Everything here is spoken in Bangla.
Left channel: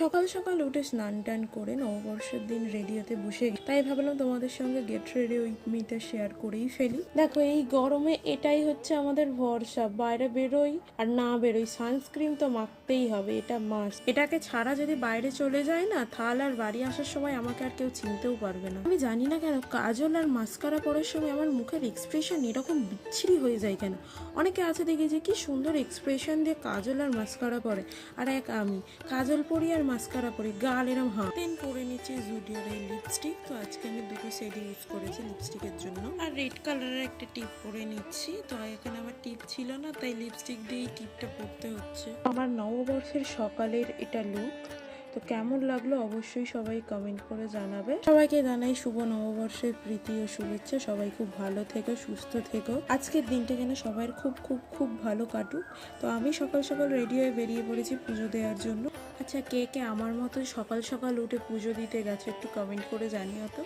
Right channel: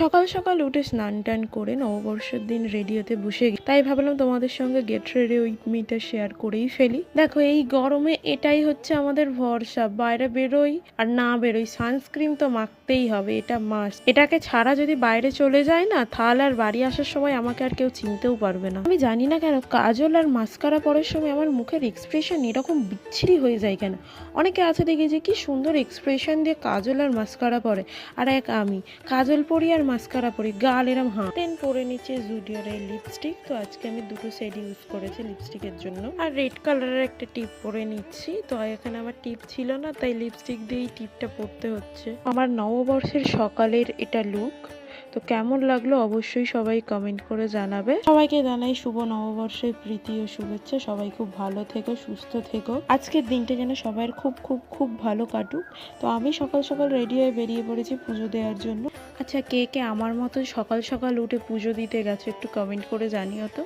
সকাল সকাল উঠে স্নান টান করে নববর্ষের দিন রেডি হতে বসে তাই ভাবলাম তোমাদের সঙ্গে গেট রেডি উইথ মিটা শেয়ার করেই ফেলি। দেখো এই গরমে এটাই হচ্ছে আমাদের ভরসা, বাইরে বেরোই আর না বেরোই সানস্ক্রিন তো মাখতেই হবে, এটা মাস্ট। এটাকে ছাড়া যদি বাইরে চলে যায় না তাহলে আর বাড়ি আসার সময় আমাকে আর কেউ চিনতেও পারবে না। আমি জানি না কেন কাজল আর মাস্কারা পরার সময় আমার মুখের এক্সপ্রেশন এরকম বিচ্ছিরি হয়ে যায় কেন। অনেকে আছে দেখি যে কি সুন্দর এক্সপ্রেশন দিয়ে কাজল আর মাস্কারা পরে, আর এক আমি কাজল পরি আর মাস্কারা পরি, গাল এরম পেন পরে নিচ্ছে জুডিওর এই লিপস্টিক। তো আজকে আমি দুটো শেড ইউজ করেছি লিপস্টিকের জন্য, আর রেড কালারের একটা টিপ পরে নিচ্ছি। তো এখানে আমার টিপ ছিল না তাই লিপস্টিক দিয়েই টিপটা পরতে হচ্ছে। আমার নববর্ষের সকালের এটা লুক। তো কেমন লাগলো অবশ্যই সবাই কমেন্ট করে জানাবে। সবাইকে জানাই শুভ নববর্ষের প্রীতি ও শুভেচ্ছা। সবাই খুব ভালো থেকো, সুস্থ থেকো। আজকের দিনটা যেন সবার খুব খুব খুব ভালো কাটুক। তো আমি সকাল সকাল রেডি হয়ে বেরিয়ে পড়েছি পুজো দেওয়ার জন্য। আচ্ছা কে কে আমার মতো সকাল সকাল উঠে পুজো দিতে গেছে একটু কমেন্ট করে জানিও তো।